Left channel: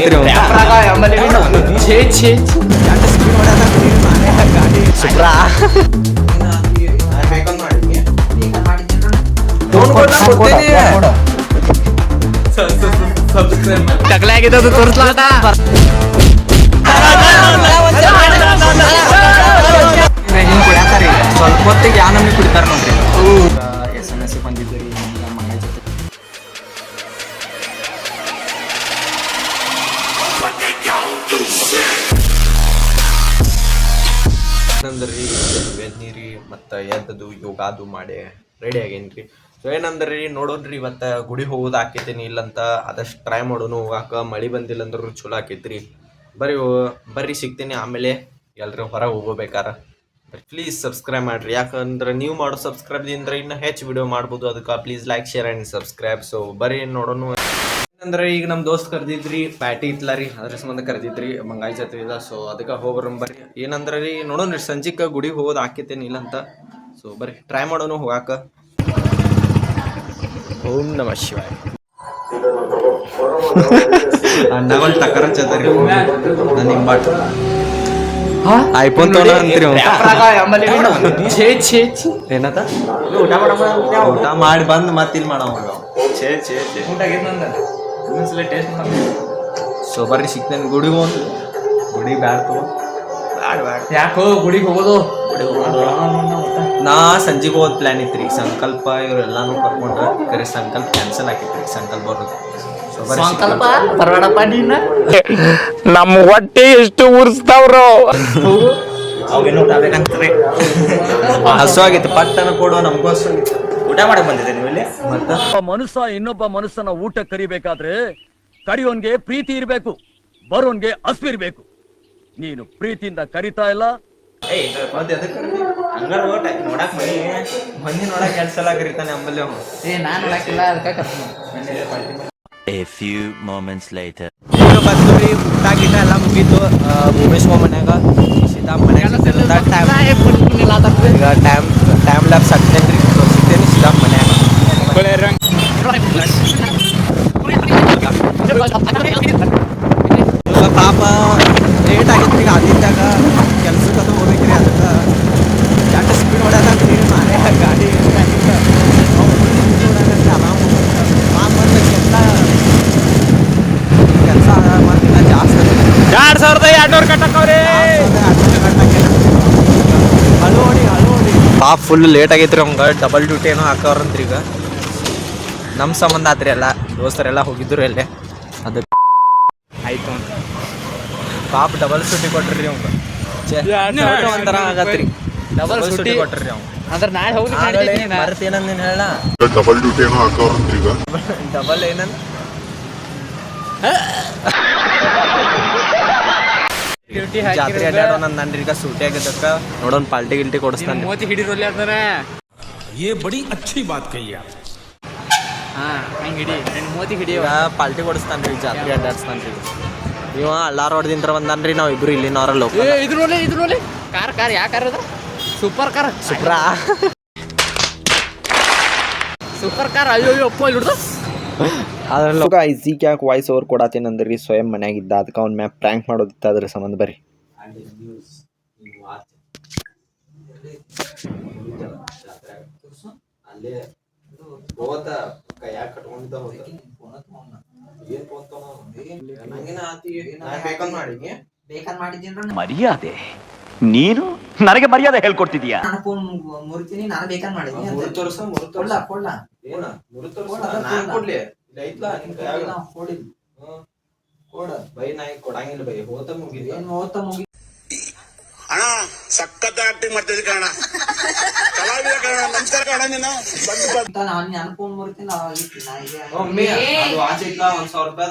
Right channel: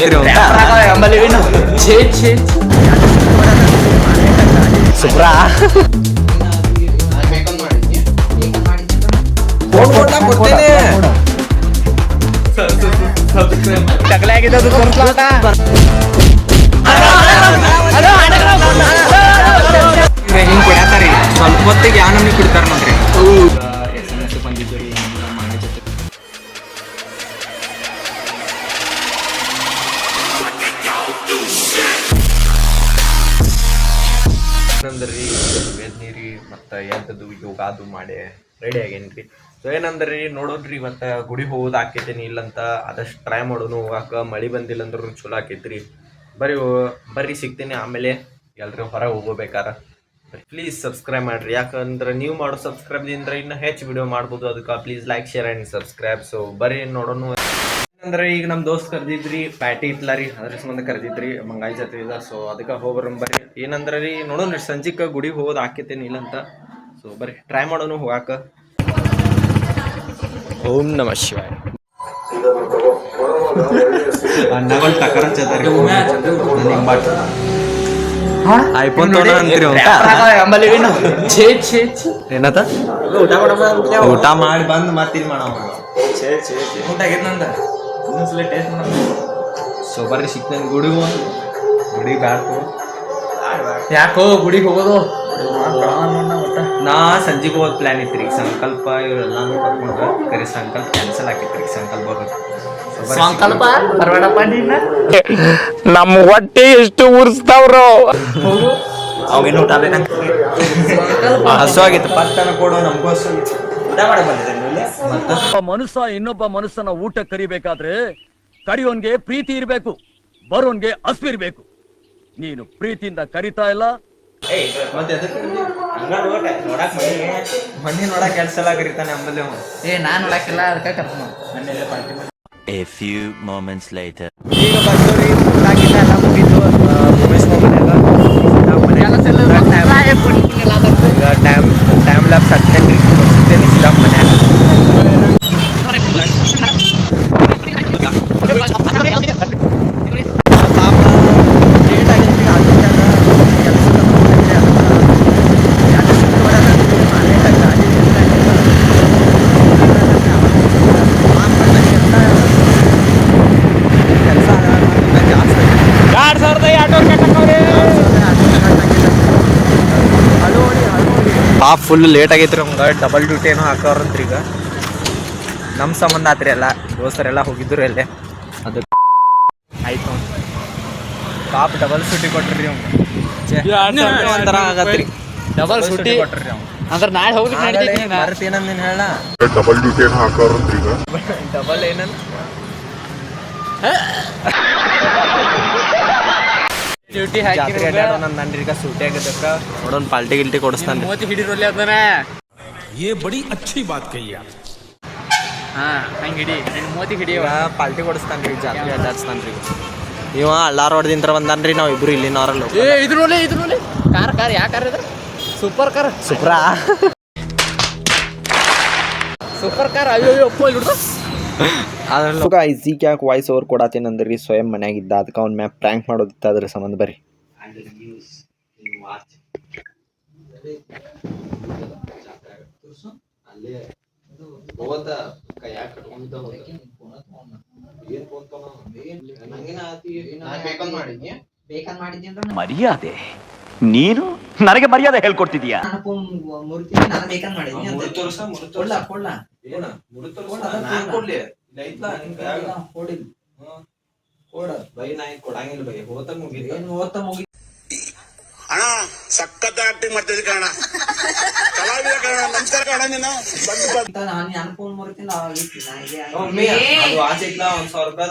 ಅಂತೀರಿ ಸುಬ್ರಾ ಹಿಂಗ್ ಕುಡಿಯತಾರಿ ಸ್ವಲ್ಪ ಹೊತ್ತಿಗೆ ಯಾವ ನಮ್ಗೆ ಕುಡಿತಾರ ನೋಡ್ರಿ SMS ಬಂದಿದ್ದು ರೀ ಮನೆ ಜೊತೆ ಏನಂದ್ರಿ ಎದ್ನೀರಿ ಮತ್ತು ಎದ್ದದು ಯೋಗಾದು ಮಾಡಿ ರೆಡಿ ಆಗೇನ್ರಿ. ಸೊ ಏನಂದ್ರಿ ನೋಡೋಣ್ರಿ ಇವತ್ತು ಗುಡಿ ಹೋಗೋದು ಆಕೈತೇನಿ ಇಲ್ಲಂತ ಆದಷ್ಟು ಟ್ರೈ ಮಾಡೋನು ಹೋಗಾಕ. ಮಳೆ ಬಂದಿಲ್ಲ ಅಂದ್ರೂ ಚಲೋ ಆಕೈತ್ರಿ. ಬರ್ರಿ ಸಿಗ್ತೀನಿ ಆಮೇಲೆ ಎಲ್ಲರೂ ಹೊರಗೆ ಹೋಗೋಬೇಕಾರ. ಪ್ಲೀಸ್ ಸಬ್ಸ್ಕ್ರೈಬ್ ಮಾಡಿರಿ, ಯಾಕಂದ್ರೆ ನೀವು ಮಾಡೋ ಸಬ್ಸ್ಕ್ರೈಬ್ದಿಂದ ಇನ್ನೂ ಹೆಚ್ಚು ವಿಡಿಯೋ ಮಾಡ್ಬೋದು. ಅದಕ್ಕೆ please like share and subscribe. So ಬರ್ರಿ ನೋಡೋಣ. ಏನಂದ್ರೆ ಈಗ ನಮ್ಮ ದೋಸ್ತ್ ಕರೆದಿದ್ರಿ, ಪ್ಯಾಟಿ ಇತ್ಲ ರೀ, ಅದ್ರ ಸಂಬಂಧ ಕರೆದಿದ್ರಿ ಮಂಗಾಯಿ ಜಾತ್ರೆ ಇದೆ. ಸೊ ಅದಕ್ಕೆ ಹೋಗ್ಬರಂ ಬರ್ರಿ. ಏನಂದ್ರೆ ರೀ ನೋಡೋಣ ರೀ ಸಂಜೆಗೆ ಗುಡಿಗೆ ಹೋಗೋದು ಆಕೈತೇನಿ ಇಲ್ಲಂತ. ಸೊ ಬರ್ರಿ ಟ್ರೈ ಮಾಡೋನು ಹೋಗಾಕ. ಓಂ ನಮಃ ಶಿವಾಯ. ಅನ್ನಗಳು ಟಕ್ಕರ್ ಹಚ್ಚತಾರಿ ನಿಂಬಾಟ್ ಐಫೋನ್ ಅಂತೀರಿ ಏನತ್ತ ಊಟ ಮಾಡಿ ಬಂದು ಮತ್ತಿಲ್ ಮಾಡವ. ಸೊ ಬರ್ರಿ ಸಿಗ್ತೇನೆ ಗುಡಿಗೆ ಹೋಗಿ. ಗುಡಿಗೆ ಬ್ಯಾಡ ತಗೋ ಯಾಕೋ ಗುಡಿಗೆ ಹೋಗೋದು ನಾ ಸಂಜೆಗೆ ಹೋಗೋದು ಪ್ಲ್ಯಾನ್ ಇತ್ತು ರೀ. ಸಂಕಲ್ಪ ಇವರೆಲ್ಲಾನು ಕರ್ಕೊಂಡ್ರೆ ಕರೆ ಸಂಕಲ್ಪ ಕ್ಯಾನ್ಸಲ್ ಆಗಿತ್ತು ರೀ. ಸಂಕಲ್ಪ ಬರೋದು ಸಂಕಲ್ಪ ಬರಬೇಡಪ್ಪ ನೀನ. ನಮ್ಮ ಹೊಟ್ಟೆ ಎಷ್ಟು ಉರ್ಸ್ತಾವ್ರೋ. ಅವೇನು ಊಟ ಬೇಕಂತೀರಿ ಹಸು ಆಗೈತಿ ಪಟ್ಟನ ಕೊಡು. ನಮಗೂ ಹಸು ಆಗೈತಿ. ಊಟ ಮಾಡಕ್ ಬಂದಿದೆ ನೀವಲ್ಲಿ. ಒಬ್ಬ ಮನುಷ್ಯ ಇನ್ನೊಬ್ಬ ಮನುಷ್ಯನ ಊಟ ಕರಿಬೇಕಾದ್ರೆ ಕರಿಯೋನ್ಗೆ ಪ್ರೀತಿ ಇರ್ಬೇಕು, ಬರೋನ್ಗೆ ಹಸ್ವು ಇರ್ಬೇಕು. ನೀನು ಪ್ರೀತಿಯಿಂದ ಕರಿತಾ ಇಲ್ಲ. ನೋಡಕ್ ಮಂದಿ ನೋಡಕ್ ಕೆಲಸ ಎಲ್ಲ ಕರಿತಾನೆ ಅಂಬಲ್ಲಿ. ನಾನ್ ನೋಡಕ್ಕಿಲ್ಲ ಅದಕ್ಕೆ ಕರ್ಕೊಂಡು. A few moments later. ಈಗ ಬಂದವ್ರಿ ಊಟ ಗಿಟ ಎಲ್ಲ ಮುಗೀತು. ಭೂಮೇಶ್ ಮನ್ಯಾಗ ಟೈಮ್ ಲ್ಯಾಪ್ಸ್ ಹಾಕ್ತೇನೆ ರೀ. ತೋರಿಸ್ತೇನೆ ಸಿದಾಗ ಮನ್ಯಾಗ. ಪಾಪ ಲೇಟ್ ಆಗಿತ್ತು ಆಗಿದ್ದಾಗ ಕೆಲಸದ ಹೋಗಿದ್ರಿ. ಅದಕ್ಕೆ ಎರಡು ಸ್ಪೀಡ್ ಹೊಡ್ಯಾಕ ಮನೆ ಗಾಡಿ ಇಷ್ಟ ಆಗಿತ್ತು. ಕೆಲಸ ಮತ್ತೆ ಜಾಸ್ತಿ 2200 ಪಾಪ ಫುಲ್ ಲೇಟ್ ಆಗೈತೆ ರೀ. ನಮ್ಗೆ ಡಬಲ್ ಡ್ಯೂಟಿ ಏನೋ ಹಾಕೋರಂತ್ರಿ. ಈಗ ನಮ್ಮ ಸಂಬಂಧ ಆತ್ರಿ. ಎಲ್ಲ ದೋಸ್ತರೆಲ್ಲ ಹೋಗಿದ್ರು ಎಲ್ಲೇ. ಅದು ಆಯ್ತು ಪಾಪ ಡಬಲ್ ಸೂಟಿ ಕೊಟ್ರಿ ಅವ್ಗೆ. ಒಂಥರ ಆಗತ್ರಿ ಡಬಲ್ ಸೂಟಿ ಕೊಟ್ರಿ ಅವ್ನು. ಅಂದ್ರೆ ನಾಳೆ ಹೋಗಿ ಮರತ್ ಏನಂದಿನ ಹೇಳ ಡಬಲ್ ಡ್ಯೂಟಿ ಏನೋ ಹಾಕೋರಂತ್ರಿ. ಈಗ ಡಬಲ್ ಏನಂದ ಡ್ಯೂಟಿ ಜಾತ್ರೆ ಅಡ್ಡಾಡೋಣ ನನ್ರಿ. ಈಗ ಸೂಟಿ ಆಗಿದ್ದಕ್ಕ ನೋಡೋಣ ಪಾಲ್ಟಿ ಗಿಲ್ಟಿ ಕೊಡಿಸ್ತಾನೆ. ಮೋತಿ ಹಿಡಿರೋಲ್ಲ ಅದನ್ನ. ये बड़ी अच्छी बात कही आप. ಹಾ ಹಂಗೆ ಹಿಡಿ ನಿನ್ನ ಮೋತಿ ಹಿಡಿ. ಈಗ ಪಾಲ್ಟಿ ಕೊಡಿಸ್ತಾನ್ರಿ, ಜಾತ್ರೆ ಅಡ್ಡಾಡ್ಸ್ತಾನ್ರಿ. ಇವ ಅಲ್ಲಾರ ಹೊಡೆದಿಂತ್ರ ಬಂದಾನ್ರಿ. ನಾವು ಇಬ್ರು ಇಲ್ಲಿನವ್ರಲ್ಲ ಇದ್ರಲ್ಲಿ ಕಾರ್ ಯಾವ ಕಾರ್ ಇದು? Super car. Super car. ಅಯ್ಯೋ ಅಪ್ಪ ಹಿಡಿದು ಅದ್ರಲ್ಲೂ ಈಸಿಗೆ ಯಾಕೆ ವಾಯ್ಸ್ ಓವರ್ ಕೊಡತ್ತೇನಂದ್ರಿ. ಸ್ವಯಂ ಮನ್ಯಾಗಿದ್ದ ಅದಕ್ಕೆ ಅವ್ನ ಮ್ಯಾಪ್ ಪ್ರ್ಯಾಂಕ್ ಮಾಡೋದಿತ್ತು. ಅದ್ರ ಸಂಬಂಧ ಬರ್ರಿ. ಮರ್ಯಾದೆ ನೀನು ನನಗೆ ಮರ್ಯಾದೆ ಹೇಳ್ಕೊಡ್ತಿದೀಯಾ? ಅಣ್ಣ ಸಖತ್ ಆಕ್ಟಿಂಗ್ ಮಾಡ್ತಿದ್ದೆ ಕಣ. ಕಲಾವಿದ ಕಣ. ನಮಸ್ಕಾರ ಕಣ. ನೀನು $1,000 ರೂಪಾಯಿ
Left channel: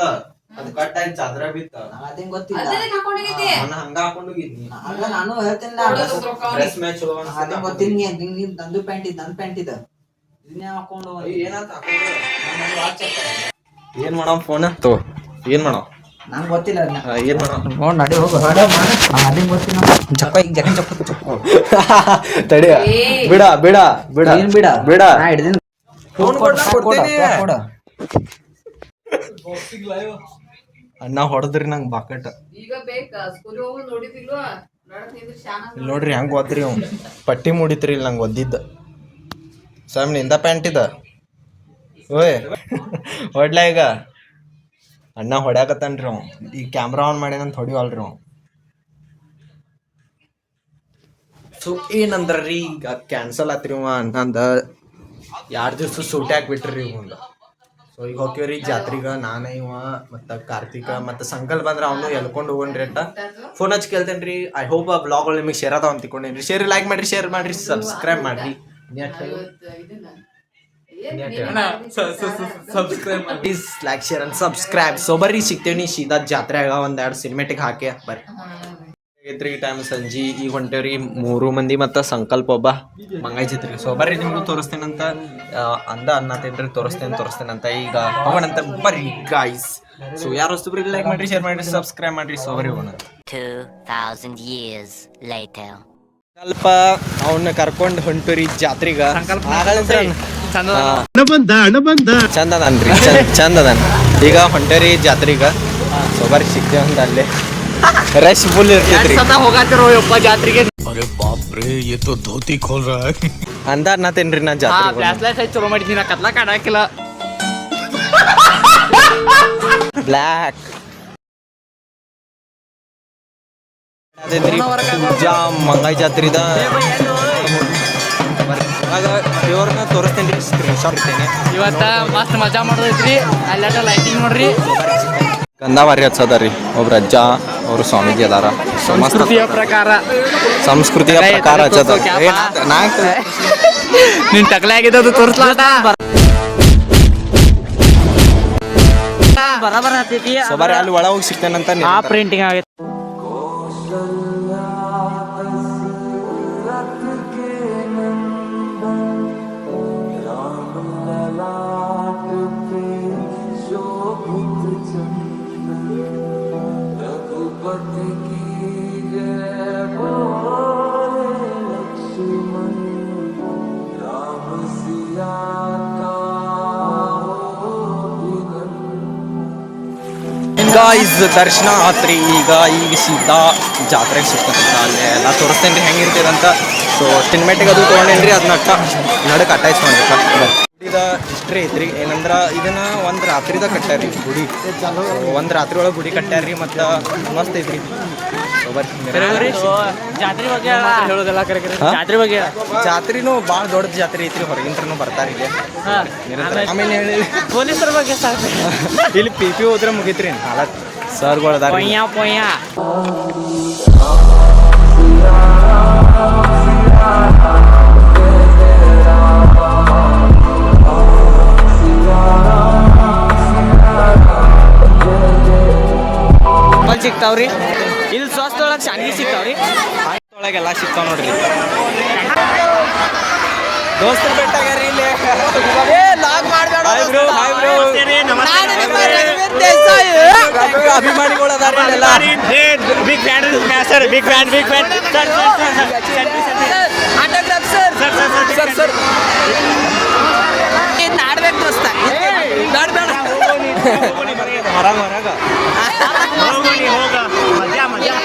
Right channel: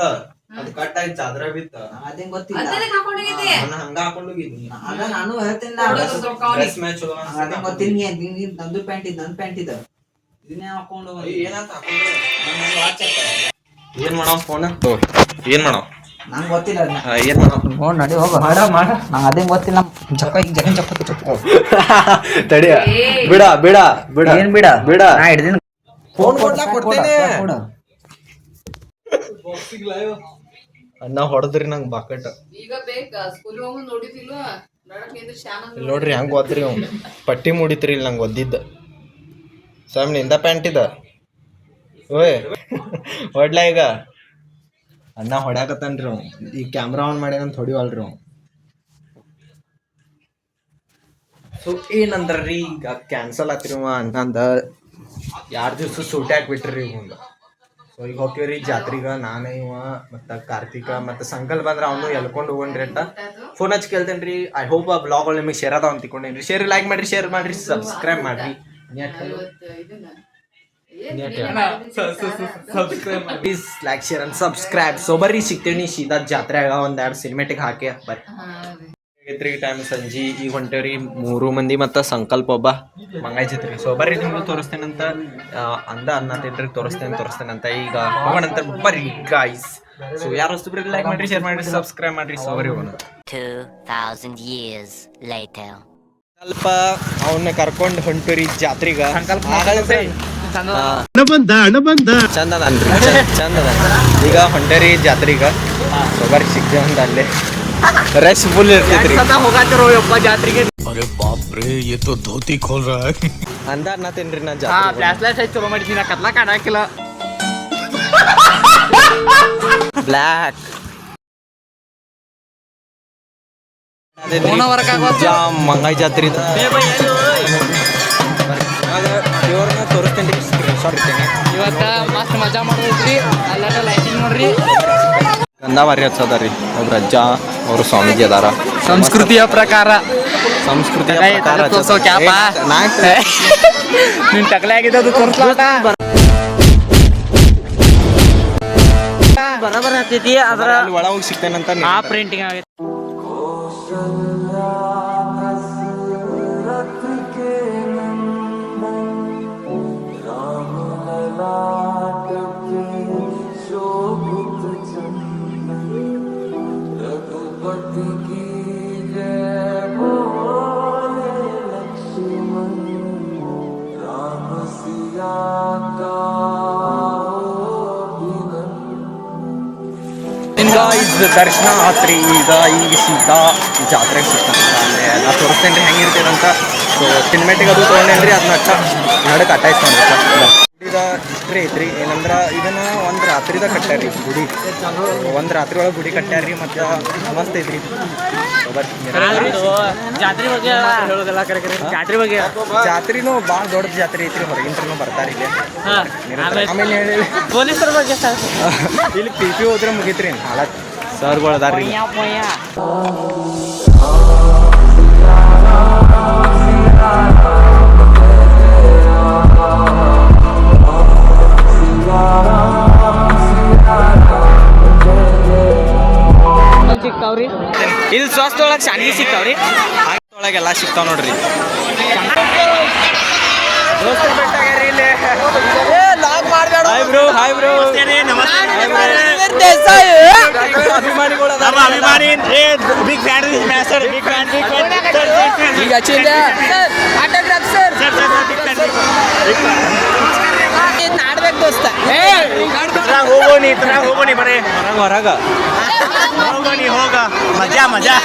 ಅದು ಕಟ್ ಆಯ್ತು. ಚಾದ್ರ ಬಿತ್ತ ಗೊತ್ತಿಲ್ಲ. ಹಂಗ ಹಾಕೊಂಡು ನಾನು ಹೇಳ್ತೀನಿ. ನಂದು ಪ್ಯಾಂಟ್ ಇದ್ ನನ್ ಪ್ಯಾಂಟ್ ಇದ ಇದನ್ನೇ ಹಾಕೊಂಡು ಏನ್ ಮಾಡೋ ಫೋನ್ ಏನ್ ಮಾಡೋ ನಂಗೆ ಗೊತ್ತಿಲ್ಲ. ಏನ್ ಮಾಡೋ ನೋಡ್ ನಡಿ ಹೋಗು. ಅದೇ ಗೊತ್ತಿಲ್ಲ. ಚಪ್ಪ ತಡಿಯ ಬಿಡ ಬಿಡ ಬಿಡ ಏನ್ ಬಿಡ ಬಿಡ ನಾ ಹಿಡ್ದಿನ ಫೋನ್ ಕೊಡ್ತೇನೆ. ಅಣ್ಣ ಹೊಡೆದ್ರಿ ನಂಗೆ ಬಾಕಟ್ ಈಗ ಬೇಕಾ ಸ್ಕೂಲ್ ಹೋಗು ನೋಡಿದಿಲ್ವಾ ನಡಕ್ ನಿಂದ್ರ ಶಾನ ಇಲ್ಲಿ ನೋಡ್ರಿ ಹೆಂಗೆ ಓದ್ರಿ ಅವ್ ಪಟ್ಟಿ ಮೂಡಿತ್ರಿ ಇಲ್ಲಿ ನಂಗೆ ಒದ್ದಿದ್ದ ಸ್ವಾಮಿ ನಿಂದ ಪ್ಯಾಂಟ್ ಇದ ಓಯ್ ಹೊಡ್ಲಾ ಈಗ ಅಣ್ಣ ಹೊಡ್ಯಾಕತ್ತಾನ್ರಿ ಅವ್ ಈ ಕ್ಯಾಮ್ರಾ ಆನ್ ಮಾಡ್ಯಾನಂತ ಹೊಡಿವಲ್ರಿ ಅವ್ ಸೊ ಏನಂದ್ರಿ ಈಗ ಕ್ಯಾನ್ಸಲ್ ಆತ್ರಿ ಅವ ಅಣ್ಣಂದ 2 ದಿವ್ಸ ಸೂಟಿ ಹಾಕ್ಬಿಟ್ರಿ ಇವಂದ ಸೊ ಈಗ ಹೋಗ್ತೀವ್ರಿ ಜಾತ್ರೆಗೆ ನಾನೇ ಇವ ಮತ್ತು ಕಾರ್ತಿಕ ಮತ್ತು ಸಂಕಲ್ ಬಂದ್ರೆ ಅವನು ಎಲ್ಕೊಂಡು ಹೋಗೋಣ್ರಿ ಅಟ್ಟ ಫೋನ್ ಹಚ್ಚಿ ಕೇಳ್ತೇನೆ ರೀ ಐ ಹೋಪ್ ಆ ಬ್ಲಾಗ್ಗಳು ನಿಮಗೆ ಶೇರ್ ಅದಾವ ಅಂತ ತಿಳ್ಕೊಂಡೇನಿ ರೀ ಶೇರ್ ಲೈಕ್ ಮಾಡಿರಿ ಶೇರ್ ಮಾಡಿರಿ ಸಬ್ಸ್ಕ್ರೈಬ್ ಮಾಡಿರಿ please like share and subscribe so ಬರ್ರಿ ಸಿಗ್ತೇವೆ ನೀ ಸೀದಾ ಜಾತ್ರೆಯಾಗ 1-2 ಸಿನಿಮೆಟಿಕ್ ಹಾಕಿ ಬರ್ರಿ ಐತ್ರಿ ಟೈಮ್ ಸಂಜೆ ಈಗ ಹೊಂಟೇವ್ರಿ 3 ಮಂದಿ ಮತ್ತು ಸಂಕಲ್ಪ ಒಬ್ಬ ಮಂಗಾಯ್ತಿತ್ರಿ ಸೊ ಬರ್ರಿ ನಿಮ್ಗೂ ತೋರಿಸ್ತೇನಂತ ಅನ್ನತೇನ್ರಿ ತೋರಿಸ್ತೇನಂತ ಈಗ ಹೋಗೋಣಂತ ಬರ್ರಿ ಗಾಯ್ಸ್ ಸೊ ಯಾರು ಹೊಸ್ತು ಬರ್ರಿ ಲೈಕ್ ಮಾಡ್ರಿ ಶೇರ್ ಮಾಡ್ರಿ ಸಬ್ಸ್ಕ್ರೈಬ್ ಮಾಡ್ರಿ ಸೊ ಬರ್ರಿ ಹೋಗೋಣ 2000 years later. ಸ್ವಲ್ಪ ಅವನ್ನ ಕರ್ಕೊಂಡು ಹೊಂಟೂರಿ ಜಾತ್ರೆಗ ಚಂದ ಅನ್ರಿ ಚಂದ ಈಗ ಹೊಂಟೇರಿ ಜಾತ್ರೆಗ ಸೊ ಬರ್ರಿ ಸಿಗ್ತೇವೆ ಅಂತ ಅಲ್ಲೇ ರಶ್ ಫುಲ್ ಇರ್ತೈತ್ರಿ ಜಾತ್ರೆಗೆ अरे बाप रे ये तो धोती खोल रहा है ಅನ್ನತೇನ್ರಿ ನಾ ಜಾತ್ರೆ ಫ್ಲಾಶ್ ಚಲೋ ಮಾಡಿದ್ದೀನಿ ಕತ್ಲಾಕ ಆಡಾಕಿಲ್ಲ ಬ್ಲ್ಯಾಕ್ ಪೂಜಾ ಮಂಗಾಯಿ ಜಾತ್ರೆದ ಇವಾಗ ದೇವ್ರನ್ನ ತೋರಿಸ್ತೇನೆ ರೀ ಸ್ಕ್ರೀನ್ ಶಾಟ್ ಇರ್ತೇನೆ ಇವತ್ತ ಮಸ್ತ್ ಮಜಾ ಮಾಡೋದ್ರಿ ಅಲ್ಲೆಲ್ಲ ಲೈಟಿಂಗ್ ನೋಡ್ರಿ ಗಂಧಾವಾರಿ ಹಚ್ಚದ ರೀ ಒಬ್ರು ಅಜ್ಜ ಅವರು ಸ್ವಾಮೀಜಿ ಅದಾರ ಸಂಸ್ಕೃತಿಯ ಪ್ರಕಾರ ಹಚ್ಚದ ನಿನ್ ತಗಲೆ ಆಗಿದ್ದು ತೋರಿಸ್ಲಾಟ ಬರಬರ ಹತ್ತಿದ್ದಿ ಅಲ್ಲಿ ಒಳ ಹೋಗಿ ಸಿಗ್ತೇನಂತ ಆ ಪ್ರಿಂಟಿಂಗ್ ಆಗೈತೆ ದರ್ಶನ ಆತ್ರಿ ಈಗ ಸೀದಾ ಜಾತ್ರೆಗೆ ಸಿಗ್ತಾನೆ ಅಲ್ಲೇ ಎಲ್ಲ ತೋರಿಸ್ತೇನೆ ರೀ ಹೆಂಗಿರ್ತದಂತ ಸೊ ಸಿನಿಮೆಟಿಕ್ ಅದು ತೊಗೊಂಡೇನ್ರಿ ಅದನ್ನ ನಡಕ್ಕೆ ಅಟ್ಟಾಯಿಸ್ಕೊಂಡ್ರಿ ಗುಡಿದ ಹಿಸ್ಟ್ರಿ ಐತ್ರಿ ಏನಂದ್ರೆ ಇದನ್ನ ಒಂದು ರಾತ್ರಿದ ಕಟ್ಟ್ಯಾರಿ ಗುಡಿ ಒಂದು ರಾತ್ರಿ ಒಳಗೆ ಗುಡಿ ಕಟ್ಟ್ಯಾರಿ ಮತ್ತು ಮಸ್ತ್ ಐತ್ರಿ ಜಾತ್ರೆನೂ ಭಾಳ ದೊಡ್ಡ ಜಾತ್ರೆ ಐತ್ರಿ ಹೊರಗಿಂತ್ರನು ಬರ್ತಾರೆ ಇಲ್ಲಿ ಆಮೇಲೆ ಹೇಳಿ ಪೊಲೀಸರ ಬಗ್ಗೆ ಇಲ್ಲಿ ಪಿ ಹೋದ್ರೆ ಮುಗೀತ್ರಿ ಹಾಲತ್ ಸರ್ಗಳು ಅದಾರ್ರಿ ಸಿಗ್ತಾವ್ರಿ ಇಲ್ಲಿ ಸ್ವಸ್ಥ ಒಳಗೆ ಶಾಂತಿ ಸಿಗ್ತಾವ್ರಿ ಒಳಗೆಲ್ಲ ಸಿಗ್ತಾವ ನೋಡ್ರಿ ದೋಸ್ತರು ಬೆಟ್ಟಾಗ್ಯಾರಿ ಇಲ್ಲಿ ಹಾಯ್ ಬ್ರೋ ಅಭಿಮಾನಿಗಳು ಅದಾರಿ big fan sir big fan autograph sir ನಾಡ್ಬೇಕು ದೋಸ್ತ ಹೊರಗ ಮಜಾ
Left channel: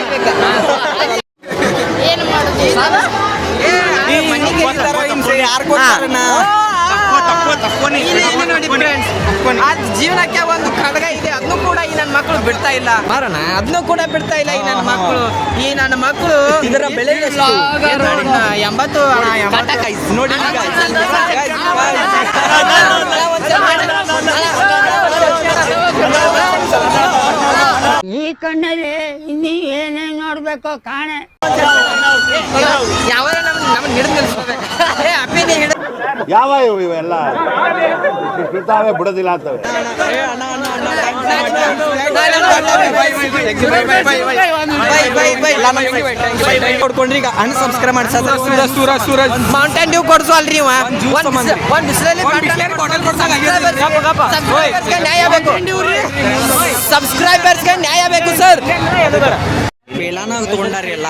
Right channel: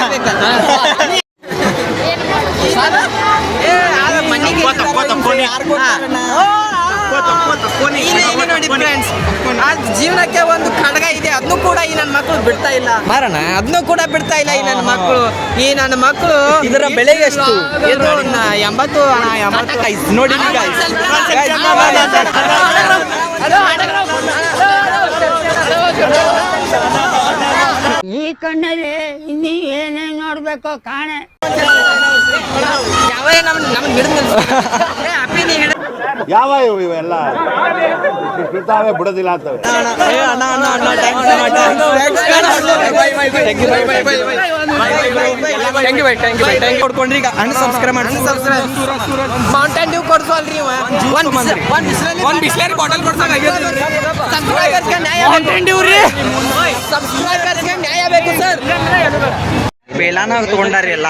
ಜೀವನಕ್ಕೆ ಒಂದು ಖಡ್ಗ ಇದೆ ಅದನ್ನು ಕೂಡ ಈ ನನ್ನ ಮಕ್ಕಳು ಬಿಡ್ತಾ ಇಲ್ಲ ಮಾರಣ ಅದನ್ನು ಕೂಡ ಬಿಡ್ತಾ ಇಲ್ಲ ಈ ನನ್ನ ಮಕ್ಕಳು ಇದರ ಬೆಲೆ ಎಷ್ಟು 80 ನೋಡಿ ಈ ಕಣ್ಣಲ್ಲಿ ಇನ್ನೀ ಏನೇನ್ ನೋಡ್ಬೇಕೋ ಕಾಣೆ ಯಾವ ನಮ್ಮ ಹಿಡಿದು ಯಾವ ಇವೆಲ್ಲ ಬಿಡ್ತಾವೆ ಬಿಡೋದಿಲ್ಲ ಅಂತವೆ ಕೊಡ್ಕೊಂಡ್ರಿ ಈಗ ಅನ್ಸಬ್ಸ್ಕ್ರೈಬ್ ಮಾಡಿ ಮೌಂಟೇನ್ ಡ್ಯೂ ಕೊಡ್ಸಲ್ರಿ ಸಬ್ಸ್ಕ್ರೈಬರ್ಸ್ಗೆ ನ್ಯಾಯ ಬೇಕು ಸರ್ ಪೇಲಾನ ತಗೊಂಡಾರಿ ಎಲ್ಲ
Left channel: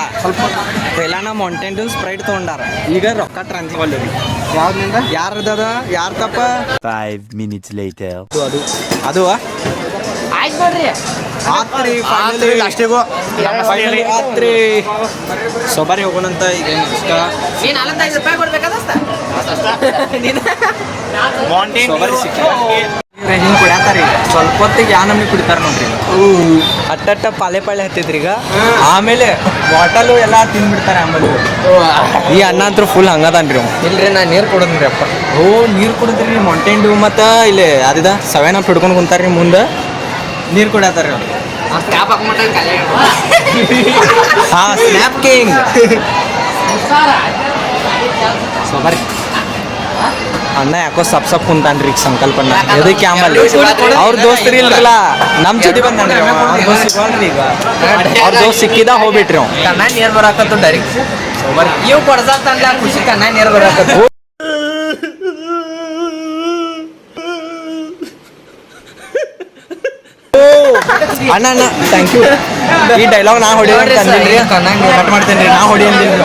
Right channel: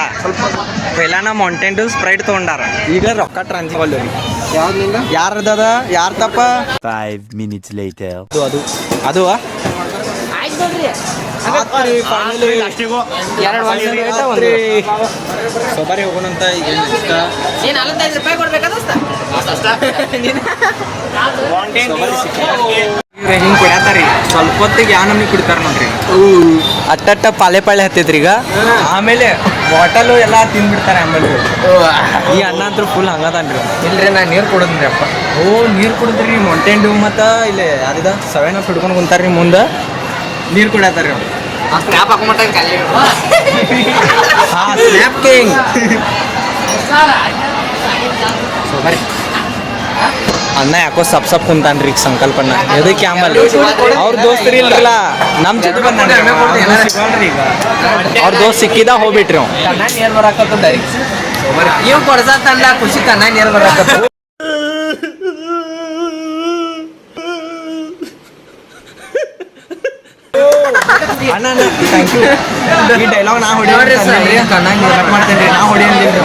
ಪೇಲಾನ ಮೌಂಟೇನ್ ಡ್ಯೂ ಸ್ಪ್ರೈಟ್ ತಗೊಂಡಾರ ಈಗ ರೊಕ್ಕ ಟ್ರಾನ್ಸ್ಫರ್ ರೀ ಯಾರ್ದದ ಯಾರ ತಪ್ಪ 5 minutes later. ಅದು ಆಯ್ತು ನೋಡ್ರಿ ಸೊ ಬರೀ ಹೋಗೋಣಂತ ಈಗ ಇಷ್ಟ ಏನ್ 45 ರೂಪಾಯಿ ಕೊಡ್ಬೇಕಾದಸ್ತ ಹಿಂಗೆ ಕುಡಿಯತ್ತಾರಿ ಸ್ವಲ್ಪ ಹೊತ್ತಿಗೆ ಯಾವ ನಮ್ಗೆ ಕುಡಿತಾರ ನೋಡ್ರಿ ಅಟ್ಟಟ್ಟ ಪಾಳೆ ಹತ್ತೈತ್ರಿ ಈಗ ಆಮೇಲೆ ಬಾಟಲು ಎಲ್ಲ ತಿಂದ್ಬಿಡ್ತಾರೆ ಆಮೇಲೆ ಈ ಅನ್ನ ಅಂತೂ ಫುಲ್ ಹಂಗದನ್ರಿ ಇಲ್ರಿ ನಾ ನೀರು ಕೊಡೋದ್ರಿ ಅಪ್ಪ ನೀರು ಕುಡಿದ್ರಿ ಮೌಂಟೇನ್ ಡ್ಯೂ ಮತ್ತು ಇಲ್ಲಿ ಅದಿದ 7 ಅಪ್ ಹಿಡ್ಕೊಂಡು ಕುಂತಾರ್ರಿ ಮುಂದೆ ನೀರು ಕುಡಿಯತ್ತಾರ ಸ್ನ್ಯಾಪ್ ಕಿಂಗ್ ಸೊ ಬರ್ರಿ ಅಣ್ಣ ಯಾಕೋ ಸಪ್ ಕುಂತಾನ್ರಿ ಈಗ ಸಂಕಲ್ಪನ ಎದಕ್ಕೆ ಆಮೇಲೆ ಅವ್ರ ದೋಸ್ತರು ಇಲ್ರಲ್ಲ ನಮ್ಮ ಜೊತೆ ಬಂದಾನ್ರಿ ಅವ್ರ ದೋಸ್ತ್ ಸಿಗೋಲ್ರಿ ಈಗ ಅವ್ರ ದೋಸ್ತ್ ಸಿಕ್ಕಿದ ಹೋಗ್ಬಿಟ್ರಿ ಅವ್ ಕಣ್ಣ ನೀರ್ ಬರಾಕತ್ತುಂಡರಿ ಇವ್ ಕೊಡ್ಸತ್ತಂಡ ಖುಷಿ ಕಣ್ಣ ನೀರ್ ಬರಾಕತ್ತು ಅಣ್ಣ ಥ್ಯಾಂಕ್ ಯು ಈ ಡೈಲಾಗ್ ನಾ ಹೊಡಿಯೋರಿ ಕಣ್ಣ ಕಟ್ ಮಾಡ್ತೇನೆ ನಾ ಹೊಡಿಯಂಗಿಲ್ರಿ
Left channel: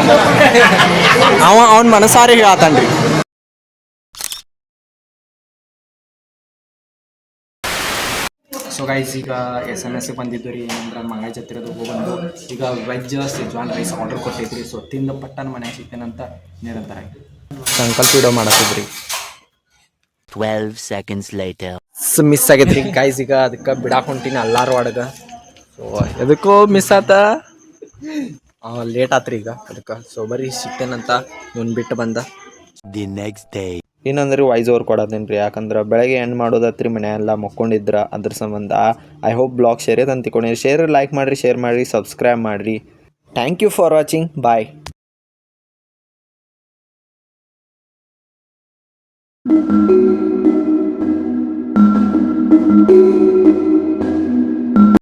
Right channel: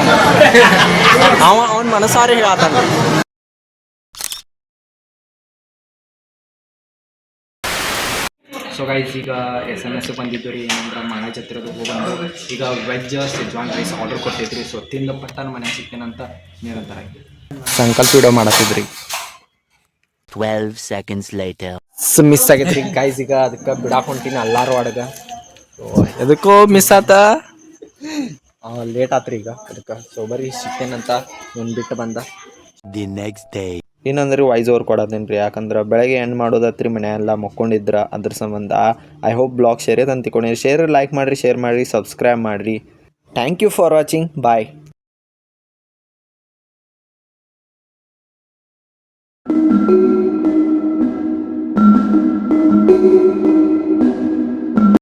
ಅವ್ನ ಮನಸಾರಿ ಹೇಳತ್ತಾನ್ರಿ ಸೊ ಗೈಸ್ ಈಗ SMS ಬಂದಿದ್ದು ರೀ ಏನಂದ್ರೆ ಮಳೆ ಜತ್ತಿರೋದು ಹೋಗ್ಬಂದು ಈಗ veg Schezwan rice order ಕೊಟ್ಟಿದ್ರಿ so ತಿಂದ ಪಟ್ಟನ ಮನೆ ಸಿಗ್ತೇನಂತ ನಿರಂತರ ಸಂಕಲ್ಪ ವಿಡಿಯೋ ಮಾಡತ್ತಿದ್ರಿ 12 seconds later. ಮಿಸ್ ಆಗೈತ್ರಿ ಗೈಸ್ ಈಗ ಅದಕ್ಕೆ ಬಿಡಾಕ್ ಹೊಂಟೀನಿ ಎಲ್ಲಾರು ಅಡಗ ಸೊ ಎದಕ್ಕೋ ಮಿಸ್ ಆತ ಲೇಟ್ ಆತ್ರಿ ಈಗ ಅದಕ್ಕೆ ಸೊ ಬರೀ ಸಿಗ್ತೇನಂತ ಇವ್ನು ಬಿಟ್ಟು ಬಂದ The next day. ಇನ್ನೊಂದ್ರೆ ವಾಯ್ಸ್ ಓವರ್ ಕೊಡೋದೇನು ರೀ ಯಾಕಂದ್ರೆ ಬೆಳಗ್ಗೆ ಎಂಡ್ ಮಾಡೋದತ್ರಿ ಮನೆ ಎಲ್ಲ ಮಕ್ಕೊಂಡಿದ್ರ ಅದ್ರ ಸಂಬಂಧ ಐ ಹೋಪ್ ಬ್ಲಾಗ್ ಶೇರ್ ಅಂತ ತಿಳ್ಕೊಂಡಿರಿ ಶೇರ್ ಲೈಕ್ ಮಾಡಿರಿ ಶೇರ್ ಮಾಡಿರಿ ಸಬ್ಸ್ಕ್ರೈಬ್ ಮಾಡಿರಿ thank you for watching bye